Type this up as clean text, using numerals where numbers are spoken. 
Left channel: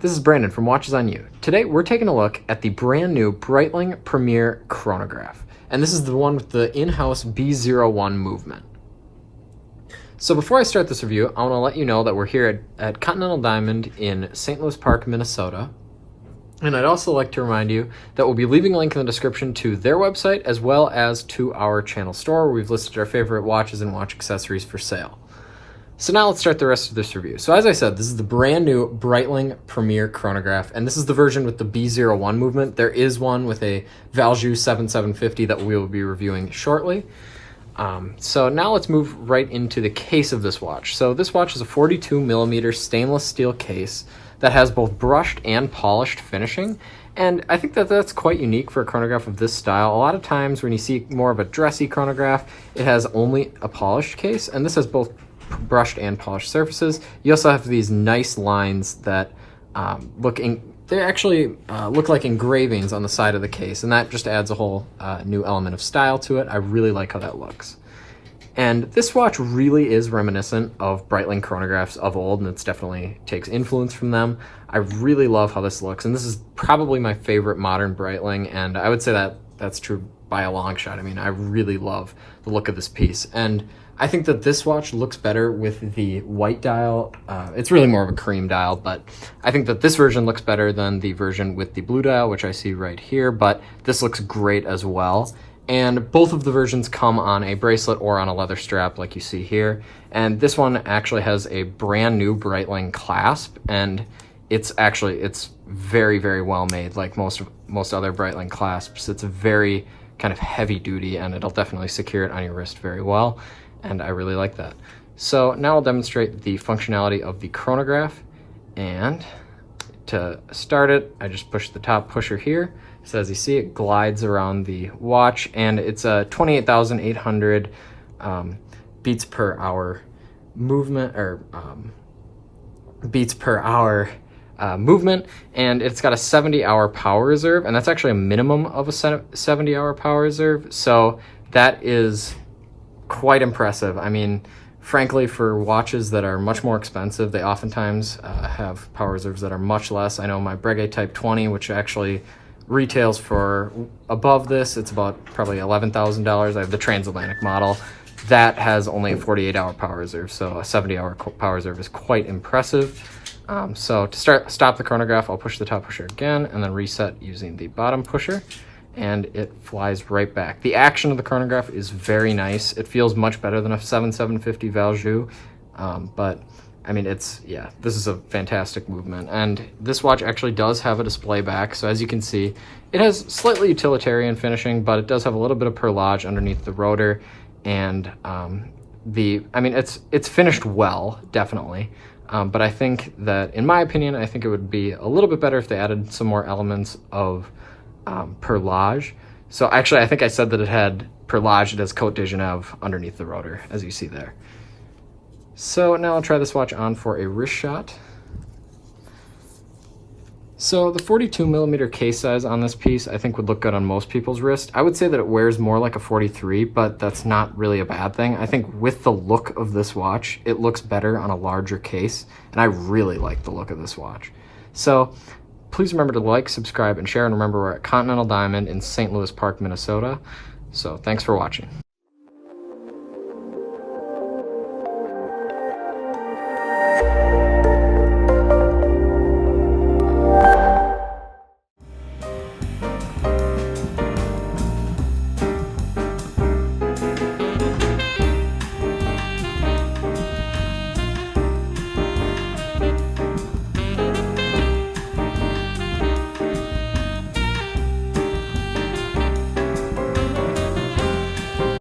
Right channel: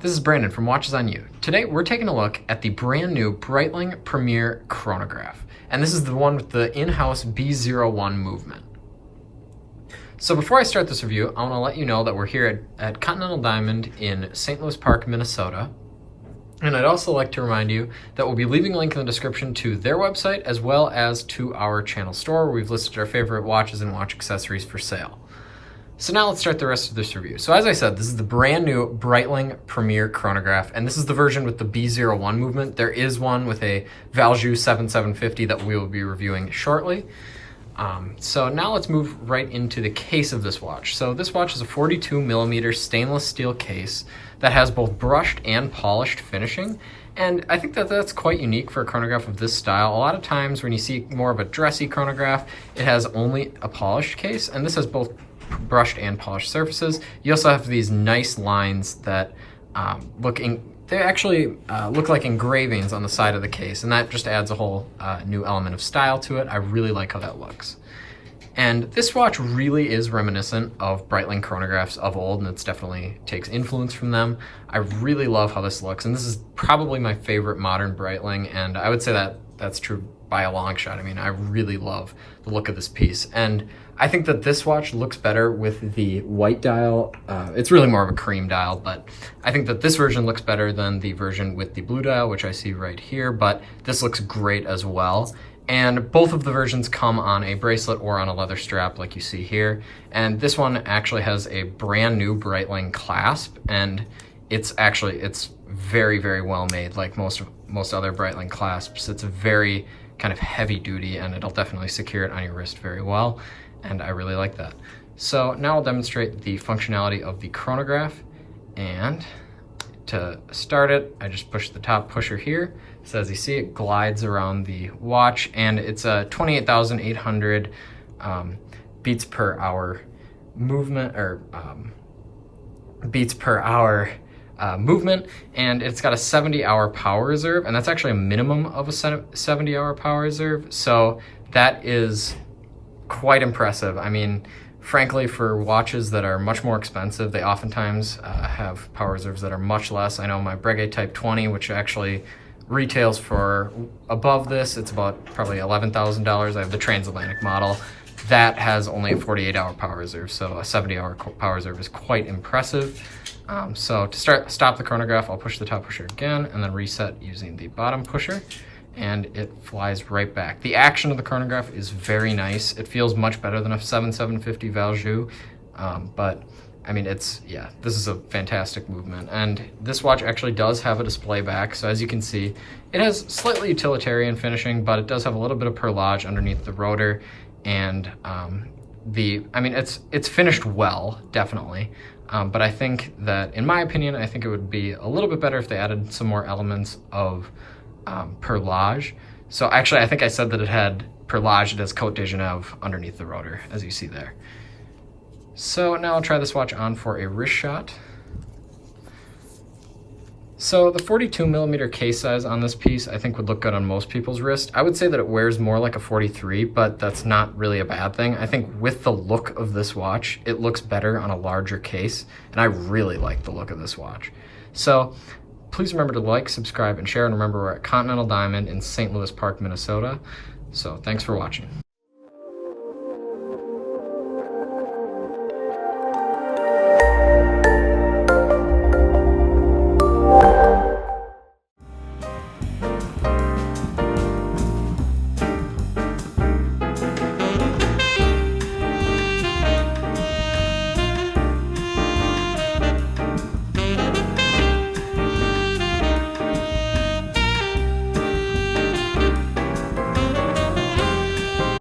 this is Brandon from Watches on You. Today we're taking a look at the brand new Breitling Premier Chronograph, and this is the one with the in-house B01 movement. So before I start this review, I want to let you know that we're here at Continental Diamond in St. Louis Park, Minnesota. And I'd also like to remind you that we'll be leaving a link in the description to their website as well as to our channel store where we've listed our favorite watches and watch accessories for sale. So now let's start the rest of this review. So as I said, this is the brand new Breitling Premier Chronograph, and this is the version with the B01 movement. There is one with a Valjoux 7750 that we will be reviewing shortly. So now let's move right into the case of this watch. So this watch is a 42mm stainless steel case that has both brushed and polished finishing, and I think that that's quite unique for a chronograph of this style. A lot of times when you see more of a dressy chronograph, it has only a polished case, and this has both brushed and polished surfaces. You also have these nice lines that they actually look like engravings on the side of the case, and that just adds a whole new element of style to it. I really like how that looks. And this watch really is reminiscent of Breitling chronographs of old, and it definitely takes influence from them. I really love how this looks, and this is probably my favorite modern Breitling, and I would say that that's true by a long shot. I mean, I really love the look of this piece, and I think that this watch looks better with the white dial. It's really more of a cream dial, but I think that this version looks better than the version with the blue dial, which I see right here, but this looks great as well. And both of the versions come on a bracelet or on a leather strap like you see here. And this one actually has a brand new Breitling Clasp, and it's very, very well made, like most other Breitling clasps. It's very kind of heavy duty, and it'll definitely secure it on your wrist very well, and I really like that. So now I'll demonstrate the functionality of the chronograph, and to start it, I just push the top pusher here. So as you see, it glides around the watch, and it's a 28,800 beats per hour movement, or beats per hour movement, and it's got a 70-hour power reserve, and that's actually a minimum of a 70-hour power reserve, so that is quite impressive. I mean, frankly, for watches that are much more expensive, they oftentimes have power reserves that are much less. I know my Breitling Type 20, which actually retails for above this, it's about probably $11,000. I have the transatlantic model. That has only a 48-hour power reserve, so a 70-hour power reserve is quite impressive. So to stop the chronograph, I'll push the top pusher again and then reset using the bottom pusher, and it flies right back. The action of the chronograph is very nice. It feels much better than a 7750 Valjoux, but I mean, this is a fantastic movement. And this watch actually does have a display back, so as you can see, it has slightly utilitarian finishing, but it does have a little bit of perlage underneath the rotor, and it's finished well, definitely. But I think that, in my opinion, I think it would be a little bit better if they added some more elements of perlage. So actually, I think I said that it had perlage. It has Côte de Genève underneath the rotor, as you see there. So now I'll try this watch on for a wrist shot. So the 42mm case size on this piece I think would look good on most people's wrist. I would say that it wears more like a 43, but that's not really a bad thing. I think with the look of this watch, it looks better on a larger case, and I really like the look of this watch. So please remember to like, subscribe, and share, and remember we're at Continental Diamond in St. Louis Park, Minnesota. So thanks for watching.